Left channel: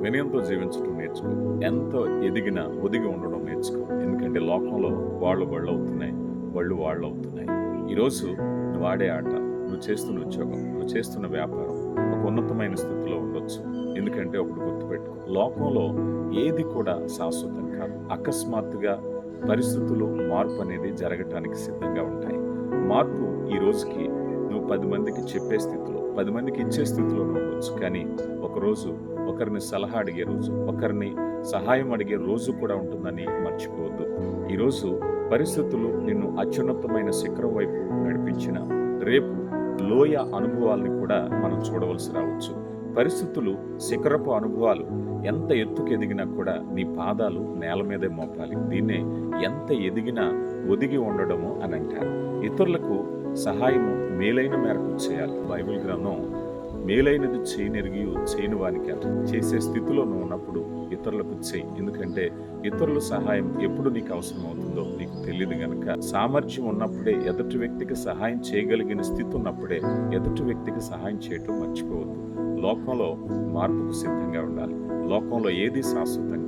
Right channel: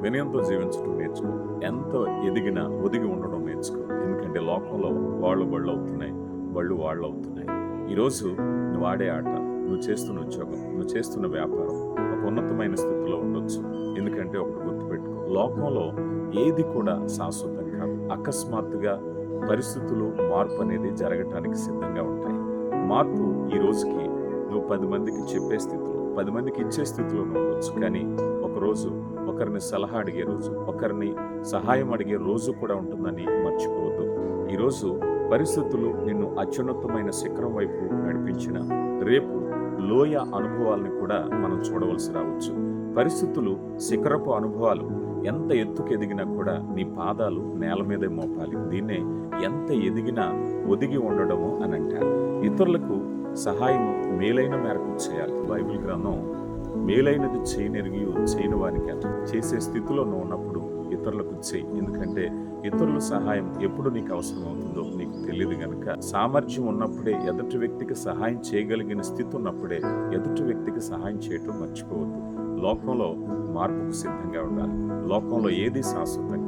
వినయంతో జీవించడం నేర్చుకో. ఎంతో ఎదిగినా ఒదిగి ఉండడం నేర్చుకో. ఎందుకంటే లోకంలో వాళ్ళు బళ్ళు అవుతున్నాయి బళ్ళు వాళ్ళు అవుతున్నాయి. ఈరోజు నువ్వు ఆడే ఆట నువ్వు చేస్తున్న ఉద్యోగం నువ్వు చేస్తున్న వ్యాపారం ఒక ఉన్నతమైన స్థితిలో ఉండొచ్చు. ఎందుకంటే ఒకటి గుర్తుపెట్టుకో. లోకంలో ఏది కూడా శాశ్వతం కాదు. అకస్మాత్తుగా పరిస్థితులు మార్పు అనేది జరగటానికి సిద్ధంగా ఉంటాయి. మార్పు ఈ రోజుకి నువ్వు పది మందికి చెప్పే స్థితిలో పది మందికి ఇచ్చే స్థితిలో ఉండొచ్చు. కానీ ఒకరోజు ఒకరిని సలహా అడిగే రోజు ఒకరిని సహాయం అడిగే రోజు కూడా ఉంటుందని మర్చిపోవద్దు. ఈరోజు పరిస్థితులు నిన్ను అత్యున్నతమైన శిఖరం వైపు నడిపించిన రేపు లోయ అనుభవాలను కూడా మనం చూడవలసి రావచ్చు. పరిస్థితులు శిఖరపు అనుభవాలు ఎంత ఎత్తుకు ఎదిగినా కూడా నీ పాదాలు నేల మీదే మోపాలి. దీన్నే ఎంత ఎదిగినా ఒదిగి ఉండడము అని అంటారు. ఇతరులకు సహాయము మేలైన మేరకు చేయాలి. బైబిల్ గ్రంథం మేలైనది చేయనెరిగి చేయని వానికి అంట చేసే స్థితిలో నువ్వు ఉన్నప్పుడు ఇతరులకు చేయి. ఎందుకంటే ఇతరుల సహాయం ఎప్పుడు నీకు అవసరం అవుతుందో నీకు తెలియదు గనక సామర్థ్యం ఉన్నప్పుడే ఎదుటి వ్యక్తికి సహాయం చేయగలిగిన స్థితి ఉన్నప్పుడే ఎదుటి వ్యక్తికి సహాయం చేయటం మర్చిపోవద్దు. లోకంలో మార్పుకు సిద్ధంగా ఉండాలి. లోకంలో ఏది శాశ్వతం